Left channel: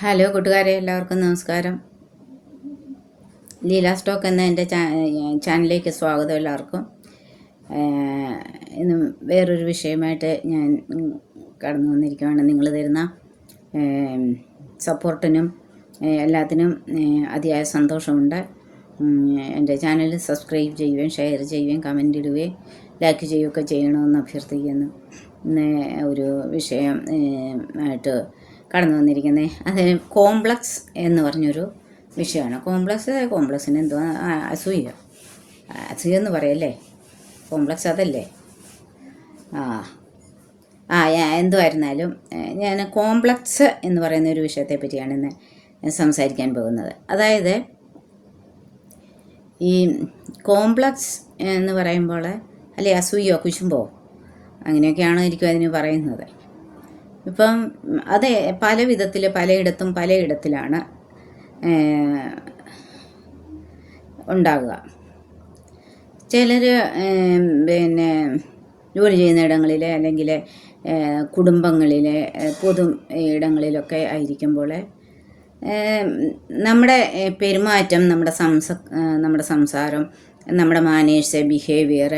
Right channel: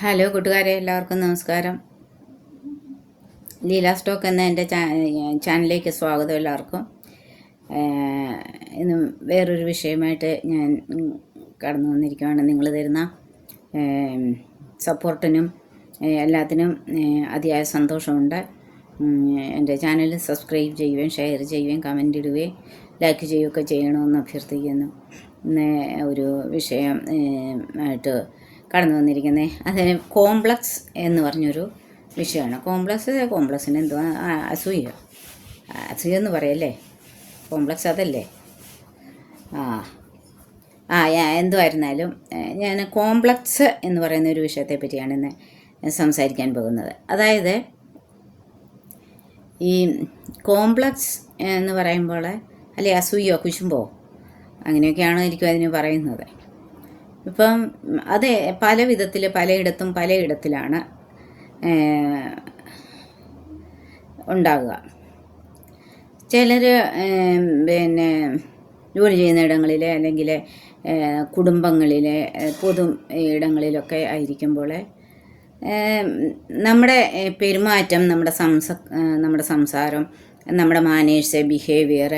Hello കൂട്ടുകാരെ, എല്ലാവർക്കും നമസ്കാരം. ലീല സ്റ്റോക്ക് എന്ന എൻ്റെ ചാനലിലേക്ക് സ്വാഗതം എല്ലാവർക്കും. ഇന്ന് വേറൊരു വിഷയമായിട്ട് ഞാൻ കടന്നു വന്നിരിക്കുകയാണ്. നിങ്ങൾ തരുന്ന സപ്പോർട്ടിനും എല്ലാത്തിനും അതിയായ സന്തോഷമുണ്ട്. എൻ്റെ ചാനൽ സബ്സ്ക്രൈബ് ചെയ്യുകയും ഷെയർ ചെയ്യുകയും കമൻ്റ് ഇടുകയും ലൈക്ക് ചെയ്യുകയൊക്കെ ചെയ്യണമെന്ന് അഭ്യർത്ഥിക്കുന്നു. ഇന്ന് ഒരു വിഷയം ആയിട്ട് കടന്നു വന്നിരിക്കുന്നത് അതിന് കോംപ്ലക്സ് എന്ന് പറഞ്ഞൊരു വിഷയമാണ്. കോംപ്ലക്സിന് എന്തുവാ? അസൂയ എന്ന് പറയല്ലേ? കോംപ്ലക്സ് അതല്ലേ? എന്തുമായിരുന്നാലും ഞാൻ കോംപ്ലക്സ് എന്ന് പറയുന്ന ഒരു വിഷയത്തെ പറ്റിയാണ് ഇന്ന് സംസാരിക്കാൻ പോകുന്നത്. അതായത് ഈ കോംപ്ലക്സ് എന്ന് പറയുമ്പോൾ അല്ലെ അസൂയോ കുശുമ്പോ അങ്ങനെയൊക്കെയാണോ ആയിരിക്കും അതിന് പറയുന്നത്. ഇപ്പം അത് പല വിധത്തിൽ പലയിടത്തിലാണ് ഉണ്ടാകുക. ചിലർ പിന്നെ ജോലി ചെയ്യുന്ന ഇടങ്ങളിൽ അല്ലെങ്കിൽ കുടുംബങ്ങളിലെ പൊതു ഇടങ്ങളിലൊക്കെ ആയിരിക്കുമ്പോൾ നമ്മുടെ പെരുമാറ്റം, നമ്മുടെ സംസാരം, നമ്മുടെ മാനേഴ്സ്, ബിഹേവിയർ,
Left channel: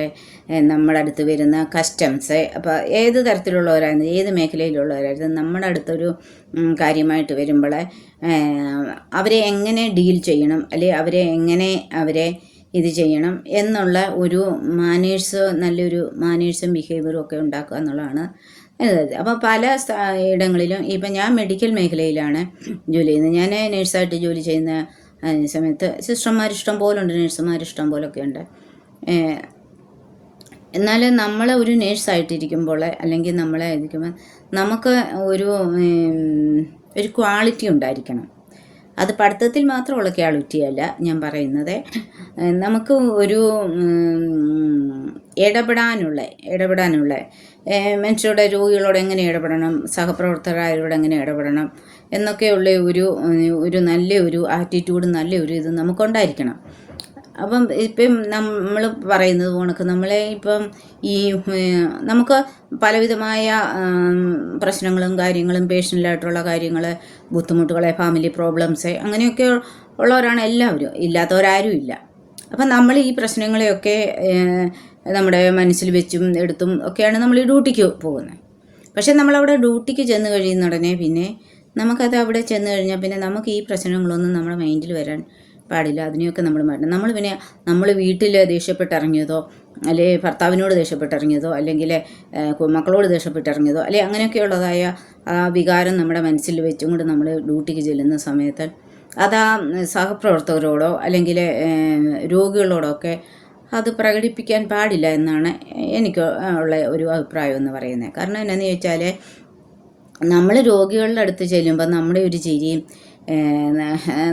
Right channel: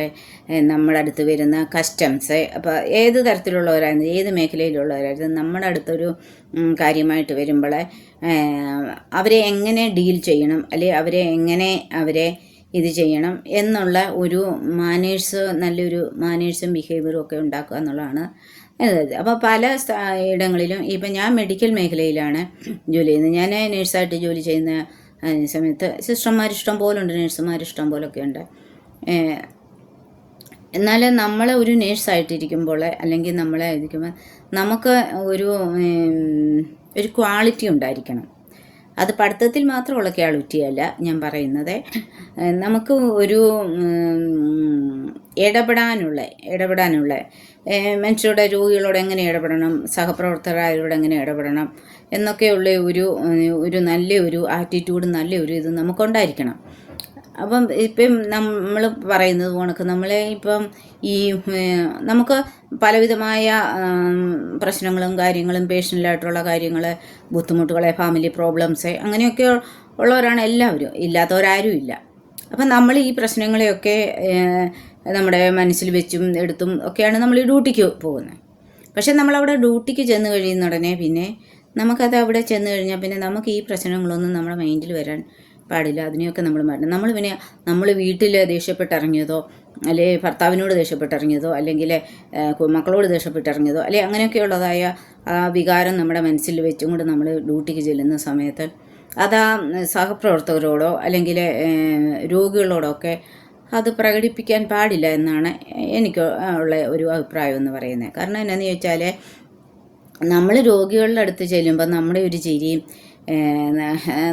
നമ്മുടെ അടുത്ത് വരുന്ന കസ്റ്റംസ്, അപ്പോൾ ഏത് തരത്തിലുള്ളവരായിരുന്നു, ഏത് മേഖലയിലുള്ളവരായിരുന്നു നമ്മുടെ അടുത്തൊരു കാര്യമായിട്ട് വരുമ്പോൾ അവരെ എങ്ങനെ ഡീൽ ചെയ്യണം, അല്ലെങ്കിൽ അവരെ ഇത് ചെയ്യണം എന്നുള്ള ഒരു നല്ലൊരു മാനേഴ്സും ബിഹേവിയറും ഒക്കെ ഉണ്ടാക്കുക എന്നുള്ളതാണ്. അപ്പോൾ പല ഇടങ്ങളിലും ഇപ്പം ഞാൻ മെഡിക്കൽ മേഖലയിലാണ് ജോലി ചെയ്യുന്നത്. ഞാൻ നേഴ്സായിട്ട് ജോലി ചെയ്യുന്ന സമയത്ത് സിസ്റ്റർമാർ ഇഷ്ടം പോലെ ഉണ്ട്, നേഴ്സുമാർ ഇഷ്ടം പോലൊക്കെ ഉണ്ട്. എന്നാൽ നമ്മൾ ഒരു നേഴ്സായിട്ടിരിക്കുമ്പോൾ അല്ലെങ്കിൽ നമ്മളെ ഇരിക്കുമ്പോൾ നമുക്ക് ഒരു ക്വാളിറ്റി ഉണ്ടായിരിക്കണം. അത് പഠിത്തത്തിൽ മാത്രമുള്ള ക്വാളിറ്റിയല്ല ഞാൻ പറയുന്നത്. നമുക്ക് ഒരു ഇടപെടാനുള്ള മനുഷ്യരുടെ രോഗികളോട് എങ്ങനെ ഇടപെടണം, സഹപ്രവർത്തകരോട് എങ്ങനെ ഇടപെടണം എന്നൊക്കെയുള്ള ഒരു നല്ലൊരു ആറ്റിറ്റ്യൂഡ്, നല്ലൊരു ഇത് നമുക്കുണ്ടായിരിക്കണം. അപ്പം ഇപ്പം നമ്മൾ പറയുന്നത് കണക്ക് നമ്മളെ ഇപ്പം നമുക്ക് പലവിധമായ പ്രശ്നങ്ങളും കാര്യങ്ങളും, പേഴ്സണലായിട്ടുള്ള കാര്യങ്ങൾ, ബുദ്ധിമുട്ടുകളെ, ഫാമിലി പ്രോബ്ലംസ് അങ്ങനെയൊക്കെ ഉള്ളവരാണ് എല്ലാവരും, ഇല്ലാത്തവരാരും ഇല്ല. അപ്പം നമ്മൾ ഈ പ്രശ്നങ്ങളെയൊക്കെ നമ്മുടെ മനസ്സിൽ വെച്ചും എടുത്തും ഒക്കെയാണ് നമ്മൾ ഈ ഡ്യൂട്ടിക്ക് പോകുന്നത്. പക്ഷെ നമ്മളവിടെ ഡ്യൂട്ടിക്ക് ചെന്ന് കഴിയുന്ന ഉടനെ പിന്നെ നമുക്കത് അവിടെ ചെന്ന് കഴിഞ്ഞാൽ പിന്നെ നമുക്ക് ഈ പ്രശ്നങ്ങളൊന്നും നമ്മുടെ മൈൻഡിൽ വരാൻ പാടില്ല. അതിനെയൊക്കെ നമ്മൾ മാറ്റണം. നമ്മൾ വീട്ടിൽ ദേഷ്യപ്പെട്ടിറങ്ങിയതോ, അല്ലെങ്കിൽ ഭർത്താവിനോട് ദേഷ്യപ്പെട്ടിറങ്ങിയതോ, അല്ലെങ്കിൽ മക്കളോട് ദേഷ്യപ്പെട്ടിറങ്ങിയതോ, അല്ലെങ്കിൽ അങ്ങനെയൊക്കെയുള്ളതായ വികാരം നമ്മുടെ മനസ്സിൽ വെച്ചും കൊണ്ട് നമ്മൾ ഡ്യൂട്ടിക്ക് ചെല്ലുന്ന സമയത്ത് അത് സഹപ്രവർത്തകരോടോ അല്ലെങ്കിൽ രോഗികളോടോ ഒക്കെ അത് പ്രകടിപ്പിക്കാൻ പാടില്ല എന്നാണ് എനിക്ക് ഉള്ള ഒരു അഭിപ്രായം എന്ന് പറയുന്നത്. കാരണം എന്നാന്ന് ചോദിച്ചാൽ നമ്മൾ രോഗികളുടെ അടുത്ത് ചെല്ലുമ്പോൾ നമ്മുടെ ഒരു ചിരിയും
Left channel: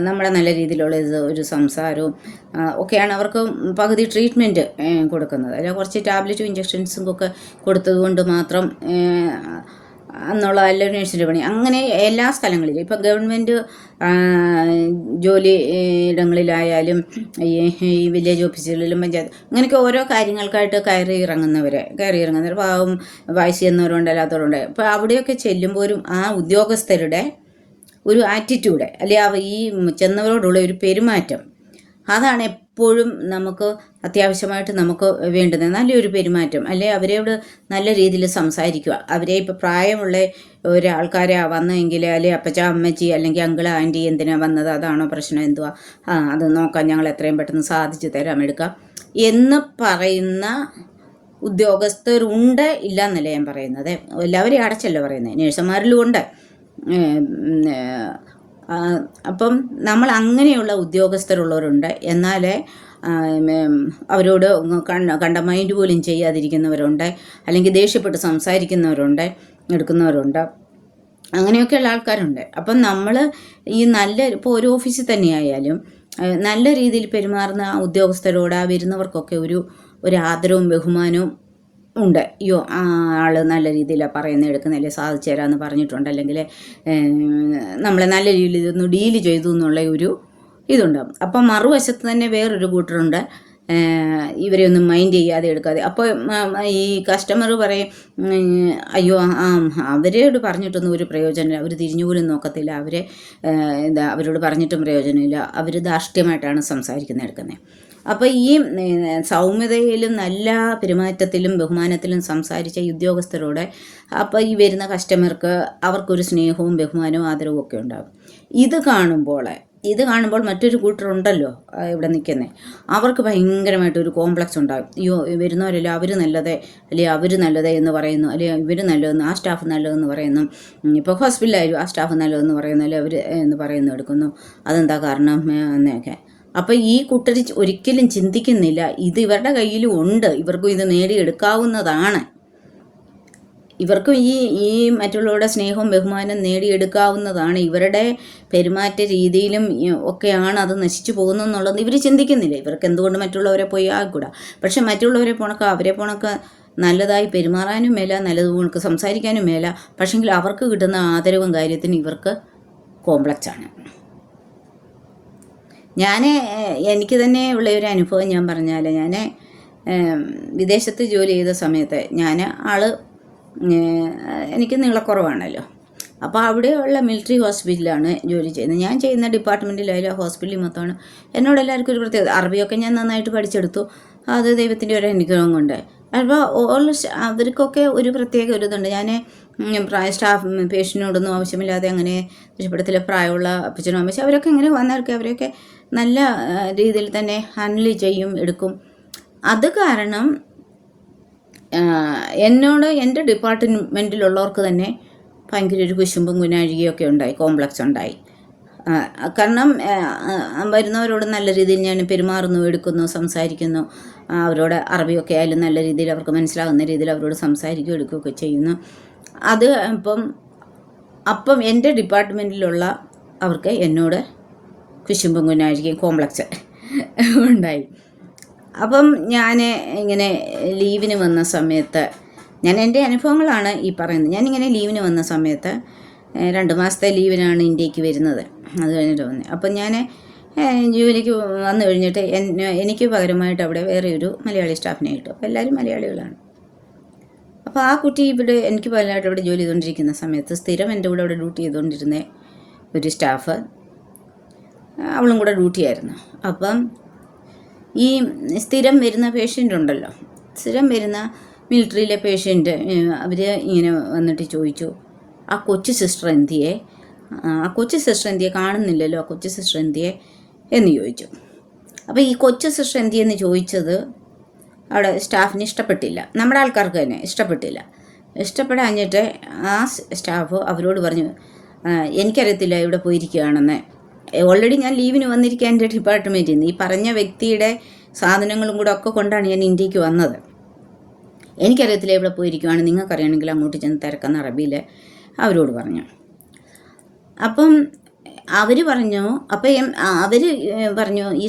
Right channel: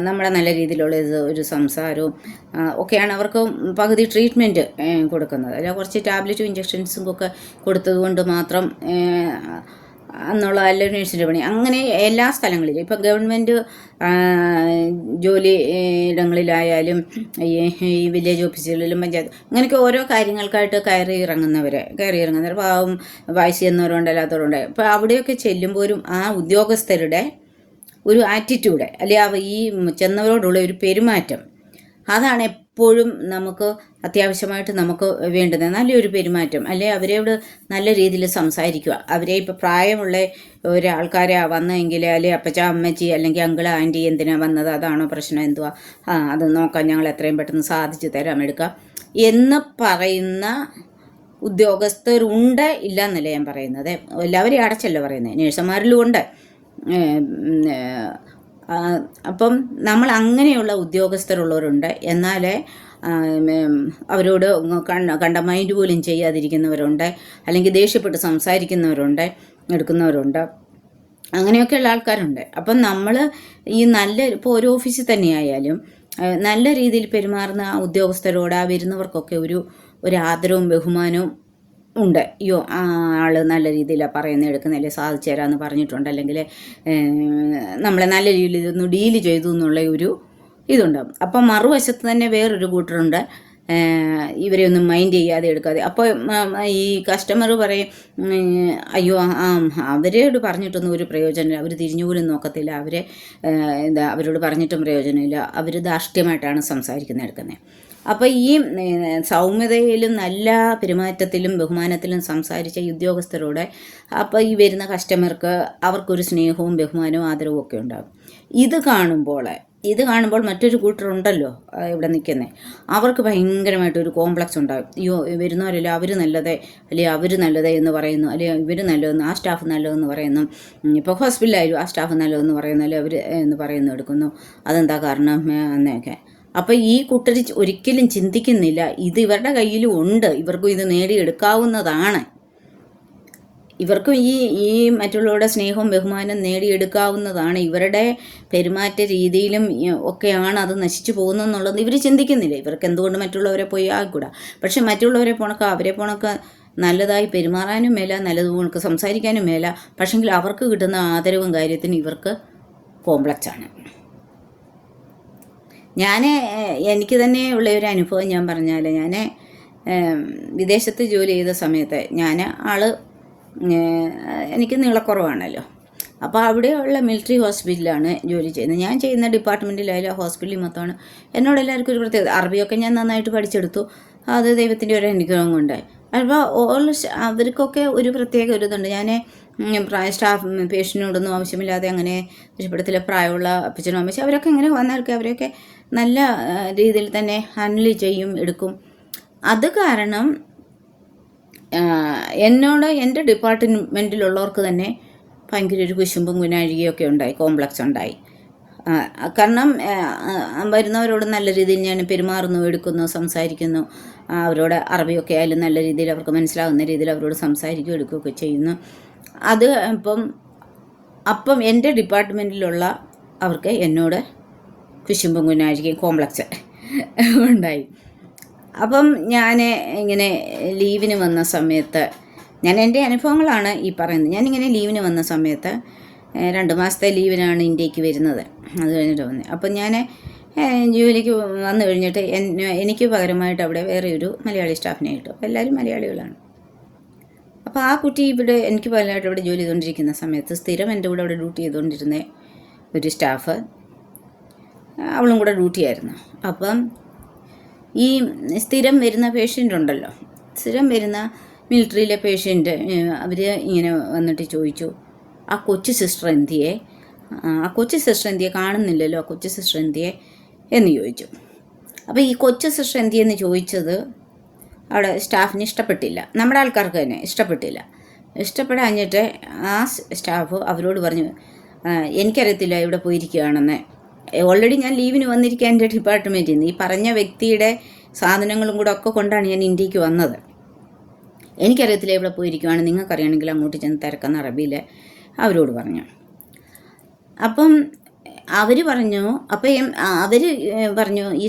നമ്മുടെ നല്ല രീതിയിലുള്ള ഒരു സംസാരവും ഒക്കെയാണ് അവർക്ക് പകുതി ട്രീറ്റ്മെൻറ്റ് കൊടുക്കുന്നത്. അല്ല കുറച്ച് ടാബ്ലറ്റും ഇഞ്ചക്ഷൻസും ഒക്കെ കൊടുത്തതുകൊണ്ട് മാത്രം എന്നുള്ള നല്ല നേഴ്സിൻ്റെ പണി അങ്ങനെ എല്ലാ സ്ഥലങ്ങളിലും ഇപ്പം ഗവൺമെൻറ് ജോലി ഇടങ്ങളിലായാലും ഈ വില്ലേജ് ഓഫീസുകളിലും പഞ്ചായത്ത് അങ്ങനെയൊക്കെ ഓരോ കാര്യങ്ങൾക്കായിട്ട് കയറി ഇറങ്ങുന്നവർ പാവം വയസ്സ് ചെന്നവരുണ്ട്, അല്ലാത്തവരുണ്ട്. അപ്പോൾ അവിടെയൊക്കെ ചെല്ലുമ്പോഴും ആ ഉദ്യോഗസ്ഥരുടെ ഒരു ആറ്റിറ്റ്യൂഡ് അല്ലെങ്കിൽ ഈ ചെന്നവരോടുള്ള ഒരു പെരുമാറ്റം, അതാണ് എപ്പോഴും നമുക്ക് അത്യാവശ്യമായിട്ട് നമുക്ക് വേണ്ടുന്നത്. നല്ലൊരു പെരുമാറ്റം, അല്ലെ അവരോട് നല്ല രീതിയിൽ സംസാരിക്കുക. അവരെ ഇപ്പോൾ പ്രായമുള്ള ഒരാൾക്കാരെ വന്നെങ്കിൽ അല്ലെങ്കിൽ അപ്പച്ച അമ്മച്ചി അല്ലെങ്കിൽ അങ്കിള് ആൻറ്റി എന്തിനാ വന്നത്, അതാണോ പ്രശ്നം, എന്തുവാ, അത് നോക്കാം, ഞങ്ങൾ എത്രയും പെട്ടെന്ന് സാധിച്ചു തരാം, എടുക്കാം എന്ന് പറയുന്ന ഉദ്യോഗസ്ഥരുണ്ട്. ഇല്ല എന്നല്ല ഞാൻ പറയുന്നത്, എല്ലാവരെയും അടച്ചല്ല പറയുന്നത്, നേഴ്സുമാരിലും ഉണ്ട്. അപ്പം നമ്മൾ അങ്ങനെയുള്ള ഉദ്യോഗസ്ഥരുള്ളവരുണ്ട്. എന്നാൽ അവരോട് കണ്ട മൈൻഡ് പോലും ചെയ്യാതിരിക്കുന്നവരുണ്ട്, അല്ലെങ്കിൽ ദേഷ്യപ്പെട്ട് സംസാരിക്കുന്നവരുണ്ട്, എടുക്കുന്നവരുണ്ട്, അങ്ങനെയൊക്കെയുള്ള ആൾക്കാരുണ്ട്. അപ്പം നമ്മൾ ഇപ്പോൾ ഒരു ഓഫീസിൽ തന്നെയായാലും നല്ല രീതിയിൽ പെരുമാറുന്ന ഉദ്യോഗസ്ഥരോട് വരുന്നവർക്കൊക്കെ ഒരു ആദരവും ബഹുമാനവും ഉണ്ട്. അയ്യോ ആൾ നല്ല രീതിയിലാണ് പറയുന്നത്, എടുക്കുന്നില്ലേ, സാധിച്ചു തരാമെന്ന് പറഞ്ഞിട്ടുണ്ട്, അല്ലെങ്കിൽ നമ്മളെ നല്ല രീതിയിൽ ഇതൊന്ന് ഡീല് ചെയ്തു എന്നുള്ള ഇതുണ്ടാകും. അപ്പം മറുവശത്ത് തന്നെ വേറൊരു കൂട്ടരുണ്ട്, ഇവരെ ഒന്നും മൈൻഡ് ചെയ്യാതെ എടുക്കാതെ. അപ്പോൾ ഈ കസ്റ്റമർ പറയും, അയ്യോ അവരോട് പറഞ്ഞിട്ടൊന്നും ഒരു പ്രയോജനമില്ല, അവർ തിരിഞ്ഞു പോലും നോക്കത്തില്ല, അവരോട് പറഞ്ഞിട്ടും പ്രയോജനമില്ല, അവർ ധാർഷ്ട്യമായിട്ടാണ് സംസാരിക്കുന്നത് എടുക്കുന്നത്. അപ്പോൾ ഈ സൗമ്യതയിലും നല്ല പെരുമാറ്റത്തിലും ബഹുമാനത്തിലും സംസാരിച്ച ഉദ്യോഗസ്ഥരോടെ അപ്പോൾ ഈ വരുന്ന കസ്റ്റമർക്ക് അവർക്കൊരു സ്നേഹവും ബഹുമാനവും ആദരവും ഒക്കെ ഉണ്ടാകും. ഇത് കാണുമ്പോൾ മറ്റൊരു കൂട്ടരുണ്ടല്ലോ ഇവിടെ നിൽക്കുന്നത്, അവർക്ക് ഭയങ്കരമായിട്ടൊരു കോംപ്ലക്സ് ഉണ്ടാകും. അയ്യോ വരുന്നവരല്ല അവർ നല്ലതേ, അല്ലെങ്കിൽ അവർ നല്ലതേ എന്ന് പറയുന്നു, അല്ലെങ്കിൽ ഇവർ നല്ലതെന്ന്, ആ സ്റ്റാഫ് നല്ലതെന്ന് പറയുന്നു. ഇപ്പോൾ ഹോസ്പിറ്റലായാലും ആ സ്റ്റാഫ് നല്ലതെന്ന് പറയുന്നു, അല്ലെങ്കിൽ അവർ എന്ന് പറയുന്നു എടുക്കുന്നു. അതെന്താ കാരണം എന്നൊക്കെ. അപ്പോൾ ഈ കൂട്ടർ ഒരിക്കലും ചിന്തിക്കുന്നില്ല ഇത് ഇവരുടെ കയ്യിലും ഉണ്ട്, ഇവർക്കും ഇത് നേടിയെടുക്കാവുന്നതാണ്, ഇവർക്കും ഈ മറ്റുള്ളവരുടെ സ്നേഹവും ബഹുമാനം നേടിയെടുക്കാവുന്നതാണ്, ഇവരുടെ പെരുമാറ്റ രീതിയിലും ഒക്കെയാണ് അത് നശിച്ചു പോകുന്നതെന്നുള്ളത് ഇവർ ചിന്തിക്കുന്നില്ല. ഇവർക്ക് എന്തുകൊണ്ട് മറ്റുള്ളവരെ പോയി ആകൂടാ. പക്ഷെ മറ്റുള്ളവരെ അവരെ പോണക്ക് നല്ലതായി പെരുമാറാനും മേല, നല്ലതുകൊണ്ട് സംസാരിക്കാനും മേല. പക്ഷെങ്കിൽ അവർക്ക് കിട്ടുന്ന ആദരവും കാര്യത്തിനും ഇവർക്ക് കോംപ്ലക്സാണ്. എനിക്ക് തന്നെ ഉള്ള ഒരു അനുഭവം ഞാൻ പറഞ്ഞാൽ, ഞാൻ വിദേശത്ത് ജോലി ചെയ്ത സമയത്ത് എനിക്ക് നീളക്കുറവാണല്ലോ. അപ്പോൾ അവിടെയുള്ള മിലിറ്ററി ഹോസ്പിറ്റലാണ് ജോലി ചെയ്യുന്നത്. ഞാൻ ചെയ്യുന്ന ഡിപ്പാർട്ട്മെൻറ്റിലായാലും ഹോസ്പിറ്റലിൽ മൊത്തമാണ്. എന്നോട് എല്ലാവർക്കും ഒരു പ്രത്യേകത, അറബിയൊക്കെ ഞാൻ നന്നായിട്ട് പഠിച്ചെടുത്തു, അത് ദൈവത്തിൻ്റെ ഒരു അനുഗ്രഹം കൊണ്ട്. അപ്പോൾ അവർക്കൊക്കെ ഒരു പ്രത്യേക ഒരു ഇതുണ്ട്. ഞാൻ പേഷ്യൻറ്റിനോടൊന്നും ആവശ്യമില്ലാതെ അങ്ങനെ ഇഷ്ടപ്പെടത്തില്ല. പ്രായമുള്ള അപ്പച്ചനും അമ്മച്ചും അവരൊക്കെ ഇങ്ങനെ വന്നവർക്ക് അവരൊക്കെ നല്ല രീതിയിൽ തന്നെ ഹാൻഡിൽ ചെയ്യും, എടുക്കും. അത് കാരണം എന്നോട് എൻ്റെ ഡിപ്പാർട്ട്മെൻറ്റിലുള്ളവർക്ക് തന്നെ ഭയങ്കര ഒരു കുശുമ്പും കുനാഴികയൊക്കെ ഉണ്ടായി, കോംപ്ലക്സ് ഉണ്ടായി. കാരണം വരുന്നവരോട് നല്ല രീതിയിൽ ഞാൻ പെരുമാറുന്നു, എടുക്കുന്നു, സംസാരിക്കുന്നു. അവരോട് അറബിയൊക്കെ ആയാലും നല്ല രീതിയിൽ അവർക്ക് മനസ്സിലാകുന്ന രീതിയിൽ അവരോട് സംസാരിക്കുകയും എടുക്കുകയൊക്കെ ചെയ്യുന്നു. അത് അപ്പം എൻ്റെ ഡിപ്പാർട്ട്മെൻറ്റിലുള്ള അവർക്ക് എന്നോട് കുശുമ്പും കുനാഴികയും കോംപ്ലക്സ് ഉണ്ടായി. അപ്പം ഞാൻ ഇങ്ങനെ ലീവിന് വന്ന സമയത്ത്, ഞാൻ എൻ്റെ അനുഭവങ്ങളാണ് ഈ പറയുന്നത്. ഞാനിങ്ങനെ ലീവിന് വന്ന സമയത്ത് 2 മാസത്തെ ലീവിനാണ് ഇന്ത്യക്ക് വരുന്നത്. അത് കഴിഞ്ഞിട്ട് വന്നത്. അപ്പം ഞാൻ ജോലിക്ക് വന്നു കഴിഞ്ഞിട്ട് എനിക്ക് പകരമായിട്ട് അവിടെ വേറെ ഒരു മലയാളി സ്റ്റാഫിനെ കിട്ടും. അപ്പോൾ എല്ലാവരും മലയാളികളാണ്. അപ്പോൾ ആ കുട്ടി ഇവിടെ എനിക്ക് പകരമായിട്ട് അവിടെ ജോലി ചെയ്തുകൊണ്ടിരിക്കുന്ന സമയത്ത് സ്ഥിരം എൻ്റെ കൂടെ അവിടെ ഡ്യൂട്ടി ചെയ്തുകൊണ്ടിരുന്ന ഒരു സ്റ്റാഫ്, അവളും കൂടെ ഡ്യൂട്ടിയായിരുന്നു. അപ്പം ഈ സ്ഥിരം വരുന്ന പേഷ്യൻ്റ് ഉണ്ടല്ലോ, സ്ഥിരം വരുന്ന മിലിറ്ററിയിലെ പേഷ്യൻ്റ്, അവർ ഇങ്ങനെ വന്നിട്ട് ചോദിച്ചു, ആ കൊച്ചു സിസ്റ്റർ എന്തിയെ, കാണുന്നില്ലല്ലോ, ആ കൊച്ചു സിസ്റ്റർ എന്തിയെ എന്ന് ചോദിച്ചു. അപ്പോൾ ഈ കൊച്ചു സിസ്റ്റർ എന്തിയെന്ന് ചോദിച്ചത് അവിടെ സ്റ്റാഫിന് ഇഷ്ടപ്പെട്ടില്ല, നമ്മുടെ ആൾക്കാർക്ക് തന്നെ ഇഷ്ടപ്പെടാഞ്ഞിട്ട് ആ സ്റ്റാഫ് അവരോട് പറഞ്ഞു, എനിക്കറിയത്തില്ല ഇവിടെ പോയിരിക്കുകയാണെന്ന്. ഓൾറെഡി ഞാൻ ലീവിന് വന്നിരിക്കുക എൻ്റെ ഡിപ്പാർട്ട്മെൻറ്റിൽ നിന്ന്. ഈ പറഞ്ഞ വ്യക്തിയുടെ സാധനങ്ങളും കൂടെ ഒക്കെ കൊണ്ടാണ് ഞാൻ ഇന്ത്യക്ക് വന്നത്. എനിക്കറിയത്തില്ല ഇവിടെ പോയിരിക്കുകയാണ്, നിങ്ങൾക്കറിയണമെങ്കിൽ അങ്ങോട്ട് ചെന്ന് തിരക്കുന്ന അറബിയിൽ അവരോട് പറഞ്ഞു. അപ്പം അവർ പറഞ്ഞു, ഈ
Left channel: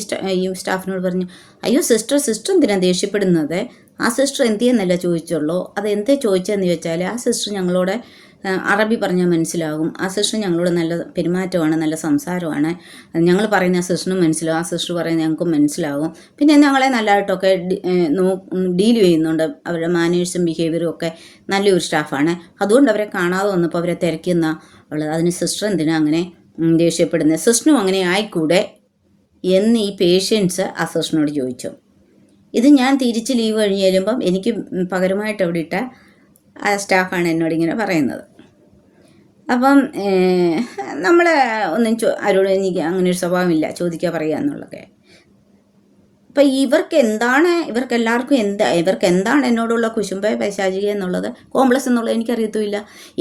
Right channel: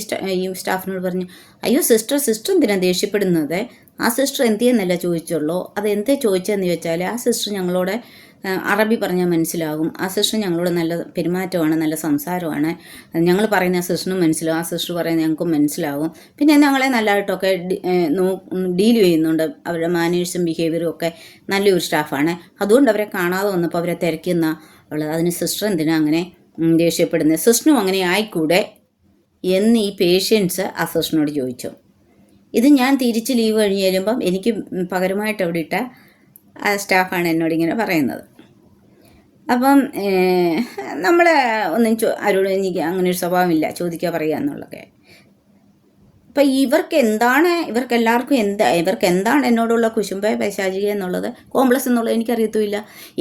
സ്റ്റാഫിനോട് പറഞ്ഞു, അയ്യോ സിസ്റ്റർ എന്തിനാണ് ദേഷ്യപ്പെടുന്നത്, ആ സിസ്റ്റർ എന്തിയെന്നല്ല ചോദിച്ചുള്ളൂ, അത് എന്തേ ചോദിച്ചതെന്ന് ചോദിച്ചാൽ ആ സിസ്റ്റർ ഞങ്ങളോട് അറബി പറഞ്ഞാൽ മനസ്സിലാകും, ആ സിസ്റ്റർ ഞങ്ങളോട് നല്ല പെരുമാറ്റമാണ്, നല്ല സംസാരമാണ്, ഞങ്ങൾ പറയുന്ന ആ സിസ്റ്ററിനും മനസ്സിലാവും, ആ സിസ്റ്റർ പറയുന്നത് ഞങ്ങൾക്കും മനസ്സിലാകും, പിന്നെ ഞങ്ങളെ നല്ലതായിട്ടൊക്കെ ഡീൽ ചെയ്യുന്നുണ്ട്, അവരുടെ മാനേഴ്സും ബിഹേവിയറും ഒക്കെ നല്ലൊരു സ്റ്റാഫാണ്, അതുകൊണ്ട് അവരെ കാണാതെ വന്നപ്പോൾ അവരെ തിരക്കുന്ന ഉള്ളത്, അതിന് സിസ്റ്റർ എന്തിനാണ് അങ്ങനെ ദേഷ്യപ്പെടുന്നത്, സിസ്റ്ററിനും അങ്ങനെ ആയിക്കൂടെ എന്ന് ഈ പേഷ്യൻസ് ആ സിസ്റ്ററിനോട് ചോദിച്ചു. ഇത് ഞാൻ തിരിച്ച് ലീവ് കഴിഞ്ഞ് ചെല്ലുമ്പം എനിക്ക് പകരമായിട്ട് അവിടെ ഇട്ട ആ സ്റ്റാഫാണ് എന്നോട് ഇങ്ങനെ പറയുന്നത്. അപ്പം നമ്മൾ ഒന്നും ആരോടും എനിക്ക് അങ്ങനെ ഒരു സ്വഭാവമില്ല, ചോദിക്കുക പറയുക എന്നുള്ളതൊക്കെ. അപ്പം ഇവർക്ക് എന്താണ് എന്നോടുള്ള കുശുമ്പ പൈശാചിക എന്നുള്ളത്, കോംപ്ലക്സ് എന്നുള്ളത് എനിക്കറിയത്തുമില്ല.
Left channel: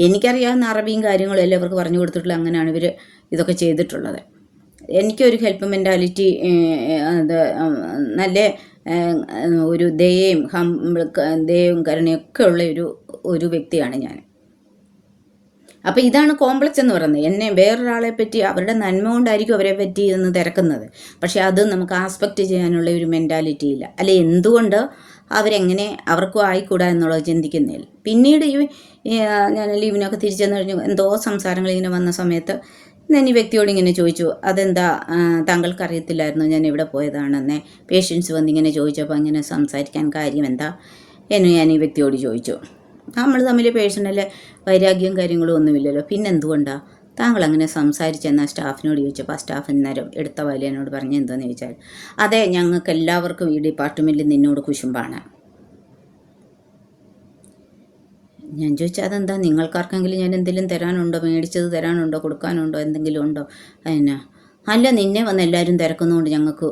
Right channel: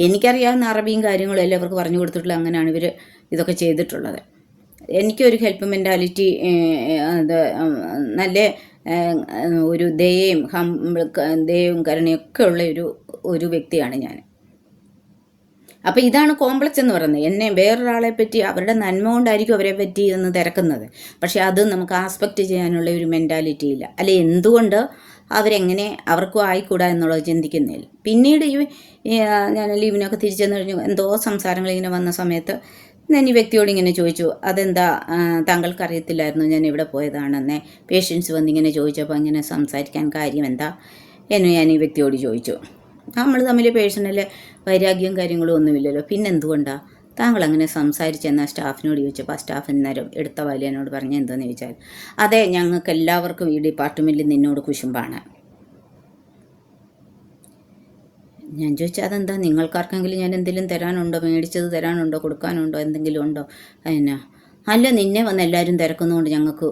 എനിക്കറിയാവുന്ന അറബിയും കാര്യങ്ങളും എല്ലാം ഇവർക്ക് പറഞ്ഞു കൊടുത്തിട്ടുള്ള, അങ്ങനെയാണ് ഇവർ ഇതൊക്കെ ചെയ്തിട്ടുള്ളത്. എനിക്കൊരു ഹെൽപ്പ് മെൻറ്റാലിറ്റി, അത് നല്ല ഒരു ദയയും കരുണയൊക്കെ ഉള്ള ഒരു വ്യക്തിയാണ് ഞാൻ. അപ്പോൾ ഇതാണ് കോംപ്ലക്സ് എന്ന് പറയുന്നത്. എന്നെ വേറൊരാളെ പറ്റി അവരുടെ നന്മ കൊണ്ടായിരിക്കും അവരെ പറ്റി എന്ന് തിരക്കുന്നത്, പക്ഷെ അത് നമുക്ക് ആസ്പെക്റ്റ് ചെയ്യാനുള്ള ഒരു മെൻറ്റാലിറ്റി ഇല്ല. അല്ലെ എന്തുകൊണ്ട് അവരെങ്ങനെ അവർക്കും ആയിക്കൂടാ എന്നുള്ളത് ചിന്തിക്കുന്നില്ല. പിന്നീട് ഞാൻ ലീവിനൊക്കെ തിരിച്ചെന്ന് കഴിഞ്ഞു എന്തോ സംസാരങ്ങൾ ഇങ്ങനെ വന്ന സമയത്ത് ഞാൻ ഈ വ്യക്തിയോട് ഇങ്ങനെ ചോദിച്ചു, അതെന്താ താങ്കൾക്ക് അറിയത്തില്ലായിരുന്നു ഞാൻ ഇവിടെ പോയതാണെന്നേ? പേഷ്യൻസ് വന്നിങ്ങനെ ചോദിച്ചപ്പോൾ അങ്ങനെ സംസാരിക്കാൻ കാര്യം എന്താ എന്ന് ഞാൻ ഈ വ്യക്തിയോട് ചോദിച്ചു. നമ്മൾ തമ്മിൽ പേഴ്സണൽ വൈരാഗ്യവും കാര്യങ്ങളും ഒന്നുമില്ലല്ലോ, പിന്നെന്തുകൊണ്ടാണ് താങ്കൾ അങ്ങനെ സംസാരിച്ചെന്ന സ്റ്റാഫിനോട് ചോദിച്ചപ്പോൾ ആ സ്റ്റാഫ് നേരം എടുത്ത വലിയനോട് പറഞ്ഞ് എന്താണെന്ന് ചോദിച്ചാൽ, അതെ, ഞങ്ങൾക്ക് എല്ലാവർക്കും ഈ ഡിപ്പാർട്ട്മെൻറ്റിൽ നിന്നോട് കുശുമ്പാണ്. ഞാൻ ചോദിച്ചാൽ അതെന്താ, നിങ്ങൾക്കാർക്കെങ്കിലും ഞാൻ എന്തെങ്കിലും തരാനുണ്ടോ, മേടിച്ചത് തരാനുണ്ടോ, കൊടുക്കാനുണ്ടോ, എന്തെങ്കിലും ഉണ്ടോ? അതിനാ അല്ല, നിന്നെ വന്ന് എല്ലാവരും തിരക്കുന്നതുകൊണ്ട് ഞങ്ങൾക്ക്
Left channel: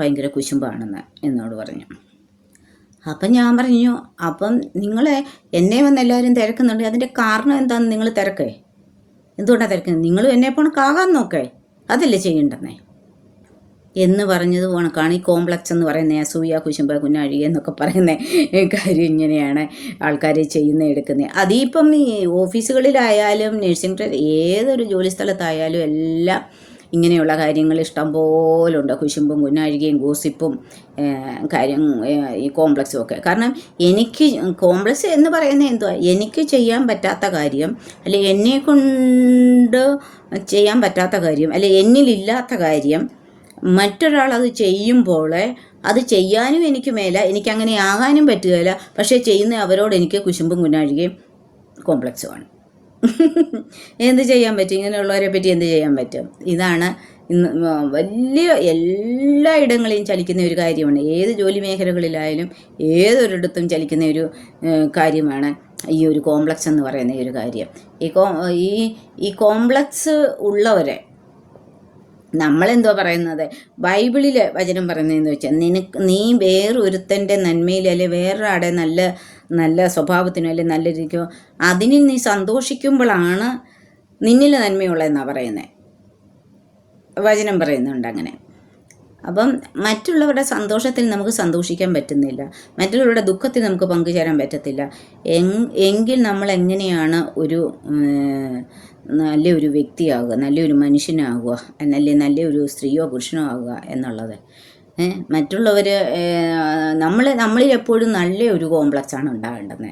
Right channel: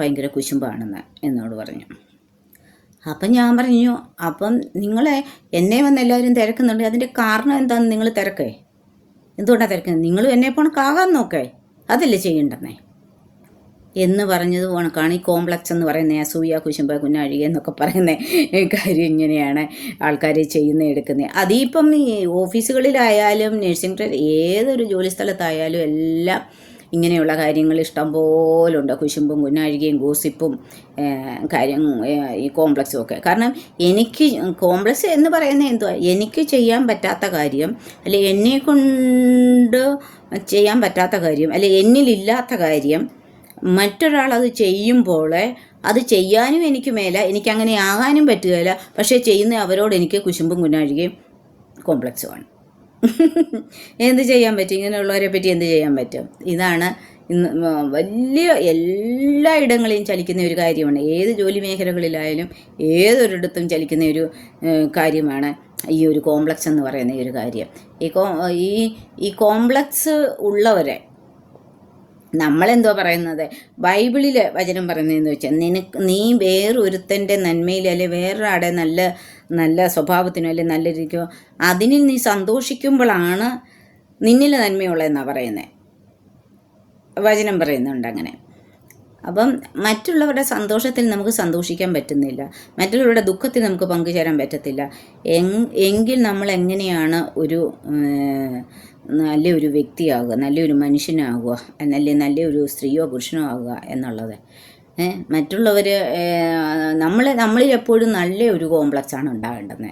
ഭയങ്കര കുശുമ്പാണെന്ന് എന്നോട് പറഞ്ഞു. അപ്പം ഞാൻ പറഞ്ഞു, അപ്പം നിങ്ങളെ എന്നെ വന്ന് എല്ലാവരും തിരക്കുന്നുണ്ട്, അതിൻ്റെ കാരണം എന്താണെന്ന് നിങ്ങൾ തിരക്കേ? എന്തുകൊണ്ടാണ് തിരക്കുന്നത്? നിങ്ങളും എന്നെപ്പോണ് കാകാൻ നോക്കേ, അതല്ലേ ചെയ്യേണ്ടെന്നേ എന്ന് പറഞ്ഞത് കണക്കാണ് ഈ കോംപ്ലക്സ് എന്ന് പറയുന്നത്. അസൂയ, കുശുമ്പ, കുഞ്ഞാഴി എന്നൊക്കെ പറയുന്ന കാര്യം ഇങ്ങനെയാണ് ആൾക്കാർ എടുക്കുന്നത്. അതിപ്പം ഈ ഓഫീസുകളിലായാലും നഴ്സിംഗ് ഏതൊരു ജോലി സ്ഥലത്തായാലും എല്ലാം ഇങ്ങനെയുള്ള കാര്യങ്ങൾ ഇഷ്ടം പോലുണ്ട്. കുശുമ്പും കുഞ്ഞാഴികയും ഗോസിപ്പും കാര്യം ഈ കോംപ്ലക്സും ഒക്കെ. കാരണം എനിക്ക് കോംപ്ലക്സ് എന്ന് പറയുന്നത് എന്തുവാ, എനിക്ക് ചെയ്യാൻ പറ്റാത്ത കാര്യം, അല്ലെ എന്നെ കൊണ്ട് ചെയ്യാൻ പറ്റാത്ത കാര്യം, അല്ലെ എന്നിലില്ലാത്ത കാര്യം മറ്റൊരാൾ അത് ചെയ്യുമ്പോൾ അത് ചെയ്യാനും എനിക്ക് മേല, എനിക്കങ്ങനെ ആകാനും പറ്റുകയില്ല. പക്ഷേ ചെയ്യുന്ന അവരോട് എനിക്ക് കുശുമ്പും കുഞ്ഞാഴികയും കോംപ്ലക്സുമാണ്. എന്ത് ചെയ്യാൻ പറ്റും? ഇങ്ങനെയുള്ളവരെ പറ്റി എന്ത് ചെയ്യാൻ പറ്റും? ഇതാണ് ഇന്ന് വലിയ എല്ലായിടങ്ങളിലും ചലിക്കുന്ന ഒരു കാര്യമാണ്. ഏത് ജോലി മേഖലകളിലായാലും ഏതൊരിടത്തും ചലിക്കുന്ന ഒരു കാര്യമാണ് ഈ ഒരു കോംപ്ലക്സ് എന്ന് പറയുന്ന ഒരു കാര്യം. ഈ കോംപ്ലക്സ് ഉള്ളവരെ നമ്മളെന്തോ പറയുന്നത്, ബൈബിളിലെ വചനം പറയുന്നതെന്ന് വെച്ചാൽ, നീ വേറൊരുത്തൻ്റെ നന്മയിൽ അല്ലെ വേറൊരാടെ നല്ല നല്ല സ്വഭാവത്തിനോ അല്ലെ നല്ല രീതിക്കോ അതിന് നീ സന്തോഷിക്കുമ്പോഴാണ് നിന്നിലെ നന്മയുള്ളതെന്നാണ് പറയുന്നത്. വചനം പറയുന്നുണ്ട് അങ്ങനെ. അപ്പം മറ്റുള്ളവരുടെ സന്തോഷത്തിൽ നമുക്ക് സന്തോഷിക്കാൻ പറ്റുന്നില്ല, മറ്റുള്ളവരുടെ ദുഃഖത്തിൽ നമുക്ക് പങ്കുചേരാൻ പറ്റത്തില്ല. എങ്കിൽ നമ്മൾ എങ്ങനെയാണ് ഒരു നല്ലൊരു വ്യക്തിയാവുക, നല്ലൊരു മനുഷ്യനാകുക, നല്ലൊരു സ്ത്രീയോ പുരുഷനോ ആകുക എന്നുള്ളത്? മറ്റുള്ളവർ നമ്മളിൽ എപ്പോഴും നല്ലൊരു കോംപ്ലക്സാണ് ഉണ്ടാകേണ്ടത്.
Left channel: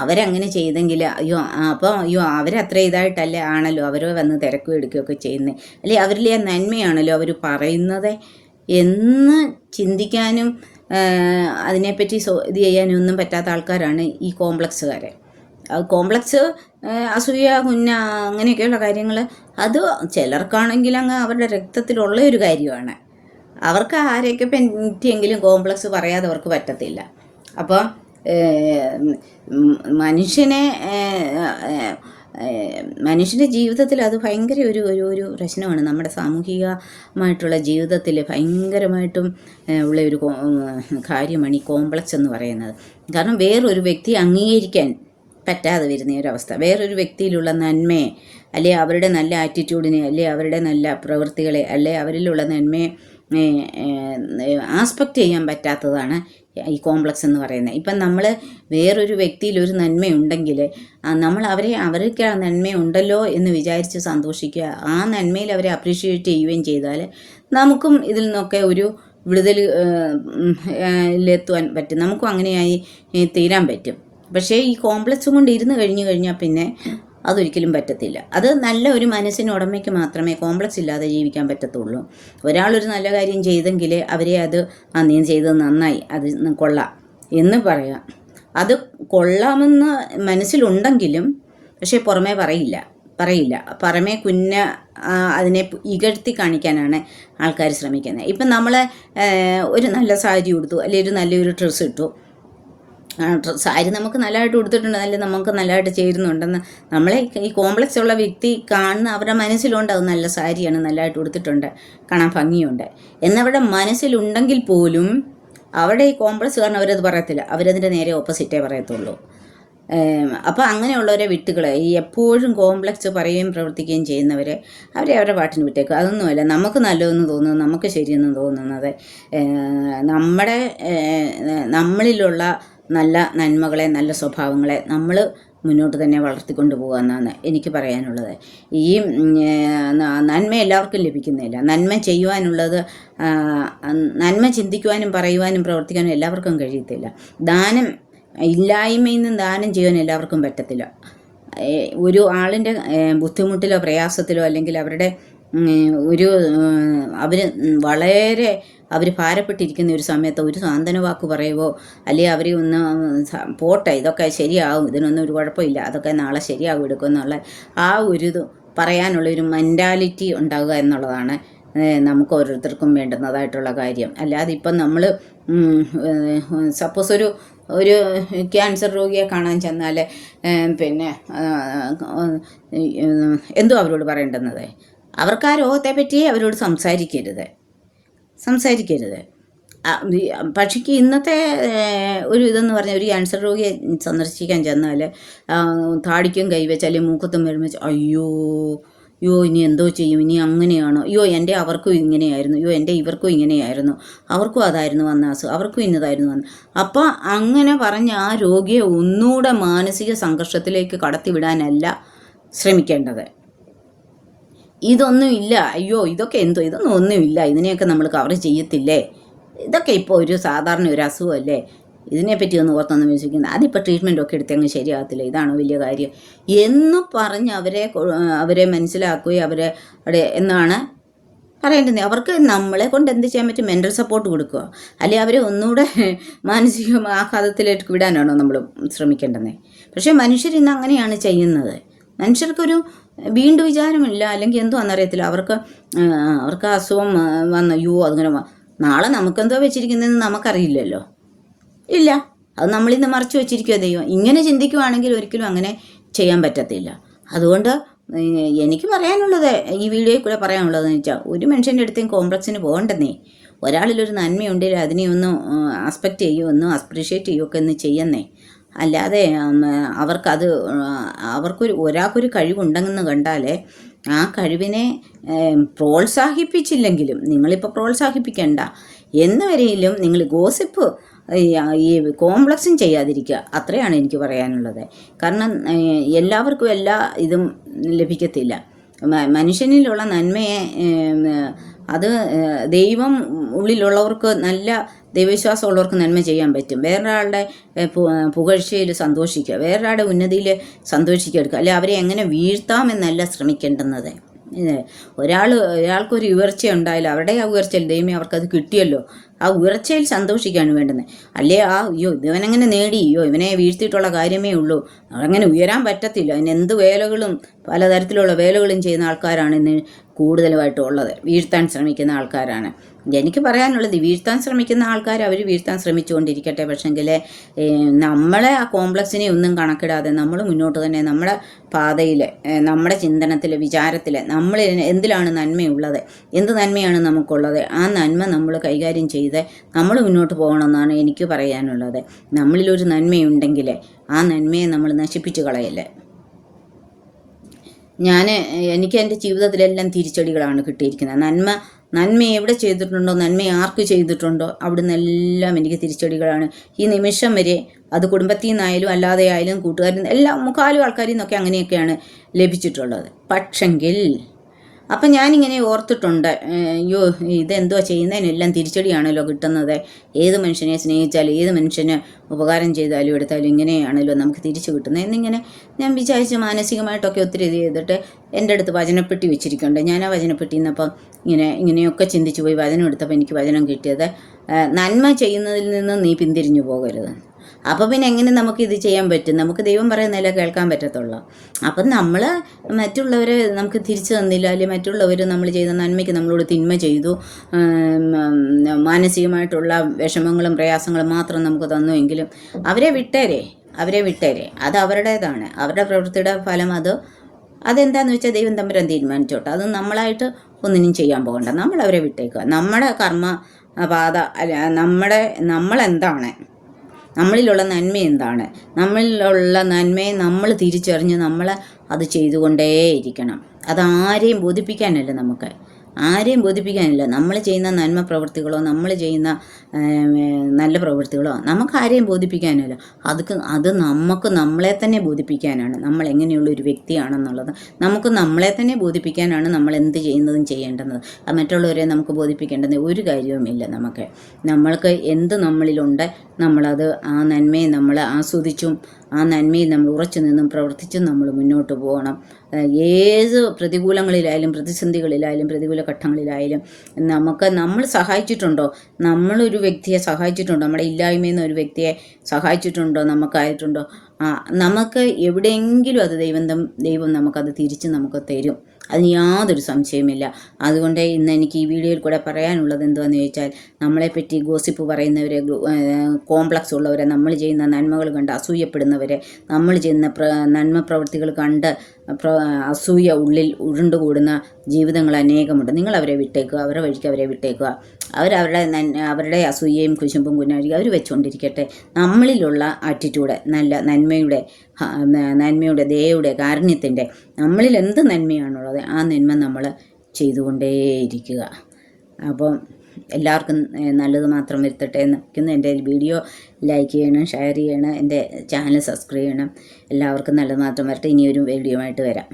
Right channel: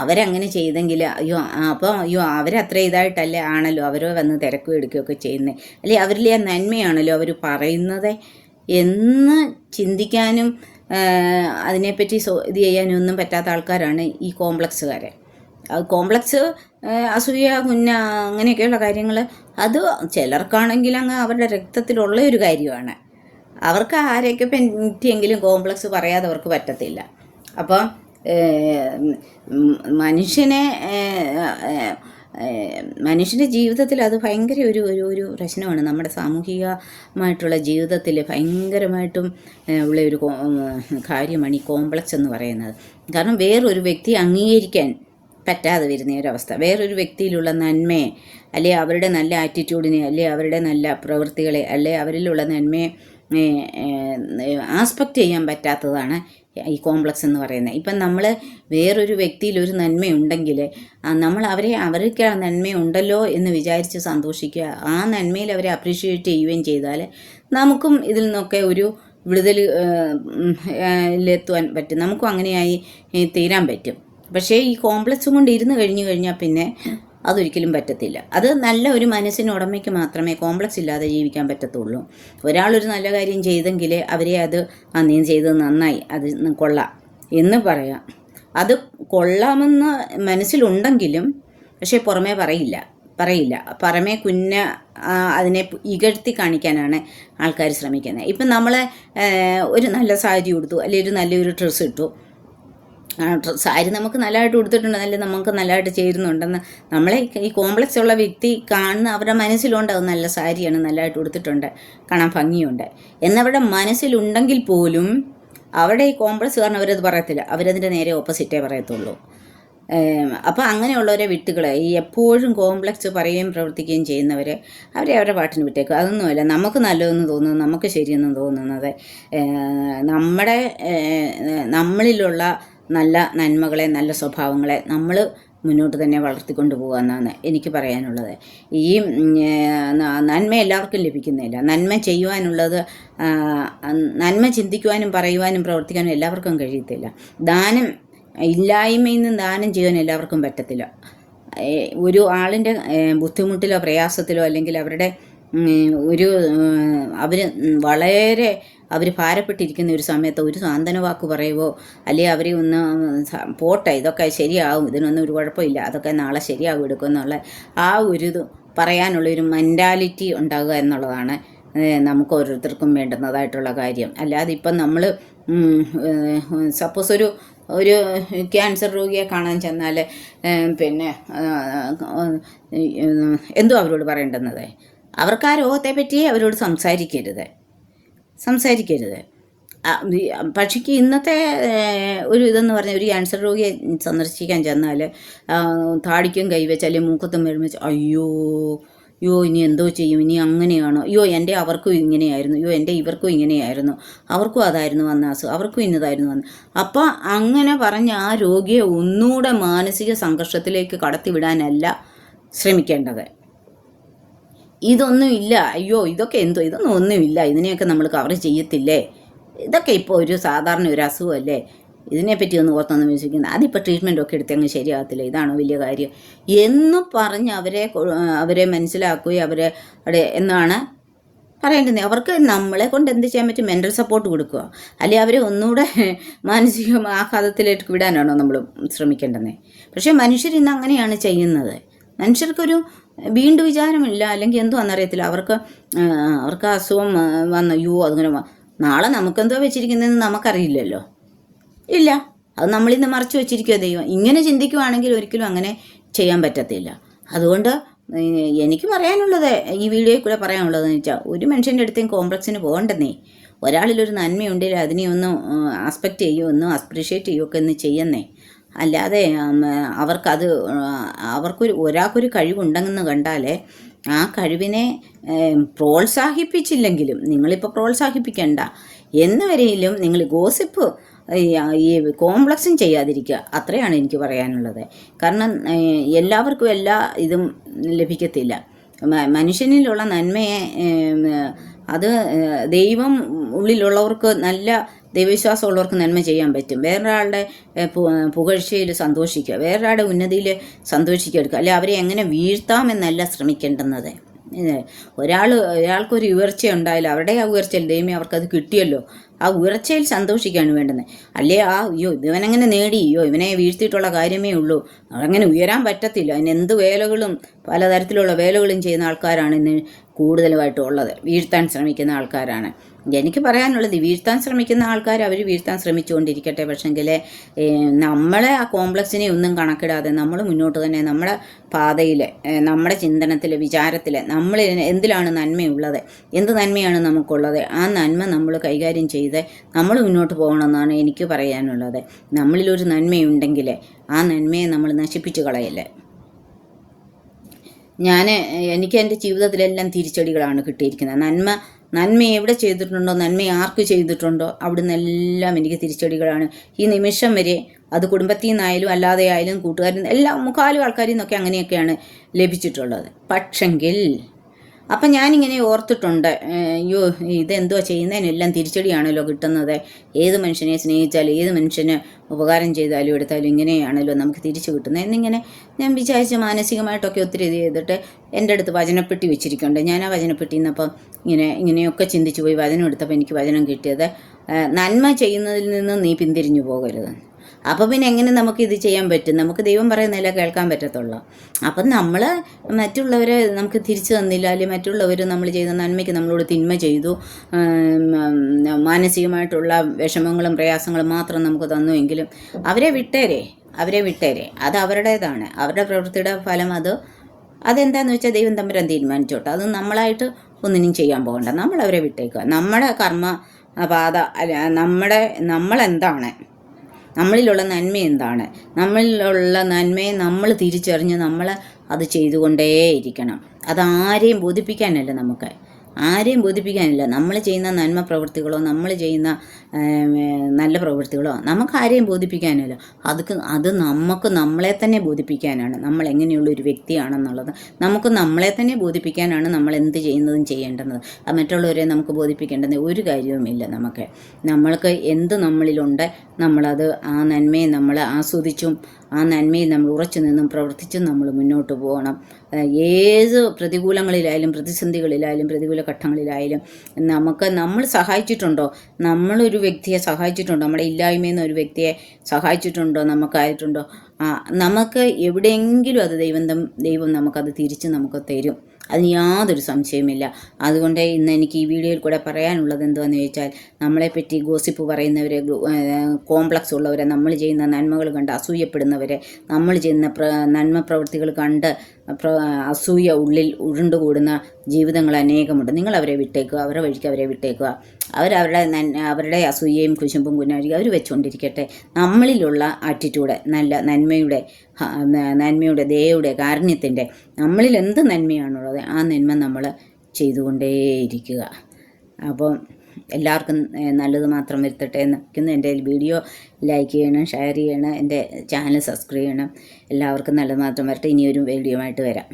അവരങ്ങനെ ചെയ്തെങ്കിൽ അയ്യോ അവരത്ര ഇതായിട്ടല്ലേ ആണല്ലോ അവർ വന്ന് തിരക്കും എടുക്കുകയൊക്കെ ചെയ്യുന്നത്, അല്ലെ അവരിലെ ആ നന്മയാണല്ലോ അവർ പറയുന്നത് എന്ന് ചിന്തിക്കാനും അതിനെപ്പറ്റി ഇത് ചെയ്യാനും ഒന്നും പറ്റാത്ത ആൾക്കാരാണ് ഈ കോംപ്ലക്സുകാരെ. കോംപ്ലക്സ്, അസൂയ, അങ്ങനെയൊക്കെയുള്ള കാര്യങ്ങൾ അത് ചിലർക്കാണെങ്കിൽ അങ്ങ് അവരുടെ രക്തത്തിലുള്ള ഒരു കാര്യമാണ്. അവർക്ക് ആരെയൊക്കെ പറ്റിയെങ്കിലും കോംപ്ലക്സ് പറയാതെ അവർക്ക് പറ്റത്തില്ല. അപ്പം മനുഷ്യൻ്റെ ജീവിതത്തിൽ അത് ഭയങ്കര ഒരു പ്രശ്നമാണ്. നമ്മുടെ സാമൂഹികമായിട്ടുള്ള ജീവിതത്തിൽ ഭയങ്കരമായിട്ടും ഉള്ള ഒരു കാര്യമാണ് ഈ കോംപ്ലക്സ് എന്ന് പറയുന്നത്. കാരണം വേറൊരു വ്യക്തിയെ അംഗീകരിക്കാൻ പറ്റാതെ വരുന്ന ഒരവസ്ഥ, വേറൊരു വ്യക്തിയിലുള്ള നന്മയെ, അല്ലെ അവരുടെ നല്ല ആറ്റിറ്റ്യൂഡിനെ, അല്ലെ അവരുടെ നല്ല പ്രവൃത്തികളെ, അല്ലെ അവരിലുള്ള നന്മയെ ആസ്പെക്റ്റ് ചെയ്യാൻ പറ്റാത്തതാണ് ഈ കോംപ്ലക്സ് എന്ന് പറയുന്നത്. ഇപ്പം നമ്മൾ വേറൊരു വ്യക്തിയിൽ ഒരു നന്മയുണ്ടെങ്കിൽ നമ്മൾ അവർക്ക് ആ നന്മയുണ്ടല്ലോ എന്ന് വിചാരിച്ച് സന്തോഷിക്കുക, ആ നന്മയിൽ അവരെ അപ്രീഷിയേറ്റ് ചെയ്യുകയും ചെയ്താൽ നമുക്കും ഇതിൽ നിന്നൊക്കെ ഒരു വിടുതലെത്തുവാൻ പറ്റും, നമുക്കും അങ്ങനെയായി തീരാൻ പറ്റും. പക്ഷേ ഈ കോംപ്ലക്സ് കൊണ്ട് ഇരുന്ന് കഴിഞ്ഞാൽ പിന്നെ അതൊരിക്കലും പറ്റത്തില്ല. അത് നല്ല ഒരു മനസ്സിനുടമയ്ക്ക് മാത്രമേ കോംപ്ലക്സ് ഇല്ലാതെ ജീവിക്കാൻ പറ്റത്തുള്ളൂ. ഒരാളൊരു നല്ല കാര്യം ചെയ്തെങ്കിൽ അവരെ അത് നീ ചെയ്തത് നന്നായി, അത് കൊള്ളാം എന്ന് പറയാം. അത് കൊള്ളാമെന്ന് മനസ്സിലുണ്ടെങ്കിലും പക്ഷേ പുറമേ പറയില്ല. പുറമേ അതിനെ ഇകഴ്ത്തി കാണിക്കാനാണ് ആൾക്കാർ ശ്രമിക്കുന്നത്. ഇപ്പം നമ്മൾ ഒരു നല്ല സാരി ഉടുത്തു, അല്ലെങ്കിൽ ഒരു നല്ലൊരു ഡ്രസ്സ് ഇട്ടു, സാരി നമുക്ക് നല്ലതായിട്ട് കൊടുത്തിട്ടുണ്ട്, നമുക്ക് നല്ലതായിട്ട് ചേരുന്നുണ്ടെന്ന് നമ്മളെ ഈ കോംപ്ലക്സ് ഉള്ള വ്യക്തി കാണുന്ന അവരുടെ മനസ്സിലുണ്ട് അത് നല്ല സാരിയാണ്, നല്ലതായിട്ട് കൊടുത്തിട്ടുണ്ട്, കാണാൻ ഭംഗിയുണ്ട് എന്നവരുടെ മനസ്സിലുണ്ടെങ്കിൽ പോലും അവരുടെ ഈ കോംപ്ലക്സ് കാരണം അവരത് പറയത്തില്ല, അവരതിൻ്റെ നേരെ ഓപ്പോസിറ്റേ പറയത്തുള്ളൂ. അപ്പോൾ അങ്ങനെയുള്ളവരെ വിട്ടുകളെ, ഈ എപ്പോഴും കോംപ്ലക്സ് പറയുകയും പ്രവർത്തിക്കുകയും ചെയ്യുന്നവർ അവരുടെ പാട്ടിന് വിട്ടേക്കുക. അതൊന്നുമല്ല നമുക്ക് നല്ലതെന്ന് തോന്നുന്നത്, നമുക്ക് ശരിയെന്ന് തോന്നുന്നത് നമ്മളിലുള്ള നല്ല നന്മകളെ, നല്ല സ്വഭാവങ്ങളെ നമ്മൾ മുന്നോട്ട് തന്നെ വളർത്തിക്കൊണ്ട് പോകുക എന്നാണ് എനിക്ക് പറയാനുള്ളത്. ഈ നന്മ എല്ലാവർക്കും ലഭിക്കുന്നില്ല. നന്മ ചെയ്യുവാനുള്ളത്, നന്മ ചിന്തിക്കുവാനും പറയുവാനും പ്രവർത്തിക്കാനും എല്ലാവർക്കും കഴിയത്തില്ല. ഇല്ലായ്മയിൽ നിന്ന് ദാനം ചെയ്യാൻ എല്ലാവർക്കും പറ്റത്തില്ല. ഒരു ആളിൻ്റെ ബുദ്ധിമുട്ടിലോ പ്രയാസത്തിലോ അല്ലെങ്കിൽ അവരുടെ ഒരു അവർ വളരെ അവർ ഭാരപ്പെട്ടിരിക്കുന്ന ഒരു സമയത്ത് ഒരു സാന്ത്വന വാക്ക് പറയുവോ അല്ലെങ്കിൽ അവർ ഒന്ന് പോട്ടെ ഇതൊക്കെ ശരിയാവും, ഇതിനൊന്നും ഒരു കുഴപ്പമില്ല, അതൊക്കെ നാളെ ശരിയാവും എടുക്കും എന്നുള്ള ആ ഒരു ഇത് പറയാനുള്ളൊരു മെൻറ്റാലിറ്റി ഉണ്ടാകുക എന്നുള്ളതാണ് നമുക്ക് ഓരോരുത്തർക്കും വേണ്ടുന്നതായിട്ടുള്ള കാര്യം. അല്ലാതെ ഇപ്പം നമ്മൾ സപ്പോസ് ഒരു ക്യാൻസർ രോഗിയെ കാണാൻ ചെന്നാൽ പിന്നെ എന്തോ അവരോട് പറയേണ്ടുന്നത്, അവർക്ക് ആ രോഗത്തെ പറ്റി അവരോട് സംസാരിക്കരുത്. പക്ഷേ ഇന്നത്തെ ഒരു ഇതെന്ന് പറഞ്ഞാൽ ഒരു ക്യാൻസർ രോഗിയെ സന്ദർശിക്കാൻ ചെന്നാൽ താടിക്കും കൈവച്ച് അല്ലെങ്കിൽ മൂക്കത്തും വരുമ്പോൾ അയ്യോ ഇനി എന്തോ ചെയ്യും, ഇനി അങ്ങനെയാണോ, അവർക്കും ഇങ്ങനെയായിരുന്നു, ഇവർക്കും ഇങ്ങനെയായിരുന്നു, അവർക്കും അതായിരുന്നു വന്ന അസുഖം, അവർക്കും ഇന്നതായിരുന്നു വന്ന. അപ്പം അങ്ങനെ പറഞ്ഞ് ആ രോഗിയെ ഒന്നുകൂടെ മാനസിക സംഘർഷത്തിലേക്ക് കടത്തിവിടാനല്ല ശ്രമിക്കേണ്ടത്. ഇതൊന്നും ഇല്ല, ഇതൊക്കെ ഇതൊന്നും ഒന്നുമില്ല, ഇതിനെയൊക്കെ നമ്മൾ കവർ ചെയ്യത്തില്ലേ, ഇതൊക്കെ ഇപ്പോൾ ഒരു സാധാരണ ഒരു അസുഖമല്ലേ, ഇതിനെപ്പറ്റി ഒന്ന് ഓർത്തൊന്നും വിശ്വസിക്കുന്നത്, അതിപ്പോൾ ട്രീറ്റ്മെൻറ്റൊക്കെ എടുത്തങ്ങ് ശരിയാകത്തില്ല, ഇതാണ് വലിയ കാര്യം എന്ന് പറഞ്ഞ് അവരെ മനസ്സിലാക്കുകയും എന്നാണ് പറയേണ്ടത്. അവർക്ക് നമ്മളെ കൊണ്ട് എന്ത് ചെയ്യാൻ പറ്റും, മെൻ്റൽ സപ്പോർട്ട് കൊടുക്കുക, അല്ലെങ്കിൽ അവരെ ഒന്നുകൂടെ മാനസിക ആഘാതത്തിലേക്ക് വിടാനാണോ നമ്മൾ ശ്രമിക്കേണ്ടത്? പക്ഷേ മനുഷ്യർ ഇന്ന് അങ്ങനെയാണ് ചെയ്യുന്നത്. മനുഷ്യർക്കൊരു വീണ്ടും വിചാരമില്ല, അല്ലെങ്കിൽ എന്തോ എന്നറിയത്തില്ല, അവർക്ക് അസുഖം വന്ന് അതിങ്ങനെ നാളെ നമുക്കെന്തോ വെച്ചിരിക്കുന്നതെന്ന് നമുക്കറിയില്ലല്ലോ, ഇല്ല, അത് നമ്മളിന്ന് മറച്ചു വെച്ചിരിക്കുക ദൈവം. ഇങ്ങനെ ചിന്തിക്കുവാണെങ്കിൽ ഒരിക്കലും അങ്ങനെ ചെയ്യാൻ പറ്റത്തില്ല. അതുകൊണ്ട് എനിക്ക് പറയാനുള്ളത്, ഈ വീഡിയോയിൽ കൂടെ പറയാനുള്ളതെന്ന് വെച്ചാൽ, ഒരു മനുഷ്യൻ്റെ അടുത്തേയും കോംപ്ലക്സിന് പോകണ്ടെന്നേ. ഒരാളിലൊരു നന്മയുണ്ടെങ്കിൽ അതിനെ ഒന്ന് ആസ്പെക്റ്റ് ചെയ്യുമോ, ഒന്ന് അപ്രീഷിയേറ്റ് ചെയ്യുകയൊക്കെ ഒന്ന് ചെയ്യുന്നേ. അല്ലാതെ ഒരാൾക്കൊരു കഴിവുണ്ടെന്ന് കണ്ടാൽ ആ കഴിവിനെ പ്രോത്സാഹിപ്പിച്ചില്ലെങ്കിലും, നിങ്ങളിപ്പോൾ പ്രോത്സാഹിപ്പിക്കണ്ട എന്ന് വരെയും നിങ്ങൾ ഗോസിപ്പ് ഈ കോംപ്ലക്സും ചെയ്യാതിരിക്കുക, അത്രയാണ് എനിക്ക് പറയാനുള്ളത്. കാരണം എല്ലാവർക്കും എല്ലാ ഇതും ലഭിക്കത്തില്ല. മനുഷ്യനിലുള്ള നന്മയെ അത് ദൈവം ഉള്ളിലുള്ളവർക്ക്, നല്ല ദൈവവിശ്വാസമുള്ളവർക്ക് നന്മ ചെയ്യാൻ പറ്റും. വേറൊരാളുടെ പുകഴ്ചയിൽ സന്തോഷിക്കുക, വേറൊരാളുടെ ഉന്നതിയിൽ സന്തോഷിക്കുക, അല്ലെ അവരെ എങ്ങനെ വീഴ്ത്താമെന്നല്ല ശ്രമിക്കേണ്ടുന്നത്. ഒരാൾക്കൊരു ഉയർച്ച ഉണ്ടായാലും അവരുടെ ആ ഉയർച്ചയിൽ ദൈവമേ അവർക്കത് കിട്ടിയല്ലോ, ആ ഉയർച്ചയിൽ സന്തോഷിക്കുകയാണ് വേണ്ടുന്നത്. അല്ലേ ഇവനെങ്ങനെ നേടി, ഇവനെ വീഴ്ത്തിയിട്ടുള്ള കാര്യമേ ഉള്ളൂ, അങ്ങനെ ഉയരാൻ പറ്റത്തില്ല. അതിന് എന്ത് വേലകളും പലതരത്തിലുള്ള വേലകളും ചെയ്യുന്ന ആൾക്കാരാണ് ഇന്ന് കൂടുതലുമായിട്ടും ഉള്ളത്, വീഴ്ത്താൻ ശ്രമിക്കുന്ന ആൾക്കാരാണ്. എനിക്ക് പറയാനുള്ളത്, വീഴ്ത്താൻ ശ്രമിക്കുന്ന ആൾക്കാർ അവർ വീഴ്ത്താൻ ശ്രമിച്ചുകൊണ്ടിരിക്കട്ടെ. പക്ഷെങ്കിൽ നമ്മളെ ആ കോംപ്ലക്സിനെ ഒന്നും കണക്കിടാതെ നമ്മൾ മുന്നോട്ട് തന്നെ നമ്മുടെ പാതയിൽ, നമ്മുടെ ചിന്തനത്തിൽ, വിചാരത്തിൽ നമ്മൾ എന്തിലാണ് നന്മയുള്ളത്, എന്ത് നന്മയാണ് നമുക്കുള്ളത്, ആ നന്മ നമ്മൾ കൈകാര്യം ചെയ്ത് നമ്മൾ മുന്നോട്ട് പോകണമെന്നാണ് എനിക്ക് പറയാനുള്ളത്. നമ്മളിലൊരു നന്മയുണ്ടെങ്കിൽ ആ നന്മയെ നമ്മൾ നശിപ്പിച്ച് കളയല്ലേ. എനിക്ക് എൻ്റെ ജീവിതത്തിലെല്ലാം തിരിച്ചടികളാണ് കിട്ടിയിരിക്കുന്നത്. നന്മ എവിടെ ചെയ്തിട്ടുണ്ടോ, നന്മ ആർക്ക് ചെയ്തിട്ടുണ്ടോ അവിടെ നിന്നെല്ലാം എനിക്ക് തിരിച്ചടികളാണ്. ഈ നിമിഷം വരെ അത് കുടുംബത്തിൽ നിന്നായാലും അല്ലാതെ ആയാലും കൂട്ടുകാരിൽ നിന്ന് എല്ലാം മുക്കാലും ആൾക്കാരിൽ നിന്നൊക്കെ അങ്ങനെയൊക്കെയാണ് ലഭിച്ചിട്ടുള്ളത്. പക്ഷെങ്കിൽ അപ്പം ഞാനിങ്ങനെ ഓർത്തിട്ടുണ്ട്, ഇതെന്തോ ചെയ്യുന്നതിനെല്ലാം തിരിച്ചടിയാണല്ലോ കിട്ടുന്നത്. ഏത് മനുഷ്യനെ സ്നേഹിച്ചാലും ഏത് മനുഷ്യന് ഉപകാരം ചെയ്താലും എടുത്താലും ഇങ്ങനെയാണല്ലോ നമുക്ക് തിരിച്ചു കിട്ടുന്നത് എന്നിങ്ങനെ ഞാൻ വിചാരിച്ച് മാനസികമായിട്ടൊക്കെ ഒത്തിരി ഇത് ചെയ്തിട്ട് എൻ്റെ അടുത്ത് വചനപ്പെട്ടി വെച്ചിരിക്കുന്നുണ്ട്. ഞാൻ ആ വചനപ്പെട്ടി നിന്നപ്പം ഇങ്ങനെയൊക്കെ ചിന്തിച്ചു പോയി വചനം എടുത്തപ്പോൾ എനിക്ക് വചനം കിട്ടിയത്, നന്മ ചെയ്യുന്നതിൽ നിന്ന് നീ പിന്തിരിഞ്ഞു പോകരുത്. അപ്പോൾ പിന്നെ എങ്ങനെ നമുക്കിത് ചെയ്യാൻ പറ്റും? നമുക്ക് ദൈവം പറയുന്നില്ല കേൾക്കാൻ പറ്റത്തുള്ളൂ. അപ്പം നമ്മൾ മറ്റുള്ളവരെ നമുക്ക് തിരിച്ചു തന്നില്ല, അല്ലെങ്കിൽ മറ്റുള്ളവർ നമ്മൾ ചെയ്ത നന്മയ്ക്ക് നമ്മളോട് തിന്മ ചെയ്തു, മാനസികമായിട്ടുള്ള വിഷമങ്ങളും പ്രയാസങ്ങളും മാത്രം നമുക്ക് തന്നുവെങ്കിലും അവരെ വിട്ടേരെ, അത് അവരുടേതാണ്, അവരുടെ പ്രവൃത്തിയുടെ ഫലം. അതെന്താണെന്ന് വെച്ചാൽ ദൈവം തമ്പുരാൻ തീരുമാനിച്ചോട്ടെ, അത് നമ്മളായിട്ട് ഒന്നിനും ചെയ്യാൻ പോകണ്ട, നമ്മളവരെ വിട്ടേക്കുക. നമ്മുടെ കർമ്മ പാത നമ്മളെന്താണ്, നമ്മളിലുള്ള നന്മ എന്താണ്, നമ്മളിലുള്ള നന്മയെ നമ്മൾ തിരിച്ചറിഞ്ഞ് നമ്മൾ അത് ചെയ്തുകൊണ്ടേയിരിക്കണം. അതാരെയും ബോധിപ്പിക്കാനല്ല, നമ്മൾ ചെയ്യുന്ന നന്മ പ്രവൃത്തികളോ നമ്മൾ ചെയ്യുന്ന നല്ല പ്രവൃത്തികളോ നമുക്ക് ആരെയും ബോധിപ്പിക്കാനല്ല, അത് നമുക്ക് നമ്മളെ തന്നെ ബോധിപ്പിക്കാനാണ്. നമ്മൾ എങ്ങനെയുള്ളൊരു വ്യക്തിയാണെന്നുള്ളത് നമുക്ക് നമ്മളെ തന്നെ ബോധിപ്പിക്കാനാണ് നമ്മൾ എന്ത് ചെയ്യുന്നതും ചെയ്യേണ്ടത്. മറ്റുള്ളവരെ നമുക്ക് ബോധിപ്പിക്കേണ്ടത് ഒരു കാര്യവുമില്ല. നമ്മൾക്ക് എന്ത് നമ്മളിലുണ്ട് നമ്മളത് ആ നന്മയെ നമ്മൾ ആസ്വദിച്ചും ആ നന്മയിൽ നമ്മൾ ഉറച്ചു നിന്നും പ്രവർത്തിച്ചും നമ്മൾ മുന്നോട്ട് പോകണം. ഏത് പ്രതികൂലങ്ങളിലായാലും പ്രതിസന്ധികളിലായാലും പ്രതികൂല ഘട്ടങ്ങളിലായാലും നമ്മൾ സഹായിച്ചിട്ടുണ്ടോ, നമ്മളൊരു വ്യക്തിയെ സഹായിച്ചിട്ടുണ്ടോ, നമ്മുടെ ഇല്ലായ്മയിൽ നിന്ന് ഒരു വ്യക്തിയെ സഹായിച്ചിട്ടുണ്ടോ, നമുക്കായിട്ടുണ്ടോ, നമുക്ക് എവിടെയെങ്കിലും അത് ദൈവം നമുക്കത് തിരിച്ച് നമുക്ക് തരും. അതിന് യാതൊരു സംശയമില്ല. അതുകൊണ്ട് ഇന്ന് എനിക്ക് ഈ വീഡിയോയിൽ കൂടെ പറയാനുള്ളത് എന്താണെന്ന് ചോദിച്ചാൽ, നമ്മളെപ്പറ്റി ഗോസിപ്പ് പറയുന്നവരെ, കോംപ്ലക്സ് ഉള്ളവരെ, നമ്മൾ ചെയ്യുന്ന നന്മകൾ കണ്ട് അസൂയപ്പെടുന്നവരെ, നമ്മൾ ചെയ്യുന്ന നന്മ പ്രവൃത്തികൾ കണ്ട് അസൂയ ഉള്ളിൽ ഉരുണ്ടുകൂടുന്ന ജീവിതങ്ങൾ അനേകമുണ്ട്. നിങ്ങൾ അവരെ വിട്ടേക്കുക, അവരുടെ വഴിക്ക് അവരെ വിട്ടേക്കുക. അവരുടെ അസൂയയും കുശുമ്പും കുന്നാഴിയും അവർ വെച്ചുകൊണ്ടിരിക്കട്ടെ. നമ്മളിലുള്ള ആറ്റിറ്റ്യൂഡ്, നല്ല നന്മയുടെ ദയയുടെ കാരുണ്യത്തിൻ്റെ, നമ്മളിൽ എന്ത് നന്മയാണുള്ളത് ആ നന്മ നമ്മൾ ചെയ്തുകൊണ്ടേയിരിക്കുക. അപ്പം എല്ലാവർക്കും നല്ലത് മാത്രം വരുത്തട്ടെ എന്ന് വയ്ക്കുന്നു. എൻ്റെ വീഡിയോ ലൈക്ക് ചെയ്യണം, ഷെയർ ചെയ്യണം, എൻ്റെ ചാനൽ സബ്സ്ക്രൈബ് ചെയ്യണം. എല്ലാവർക്കും നല്ലത് മാത്രം വരട്ടെ. ഇനിയൊരു വീഡിയോ ആയിട്ട് വരാം.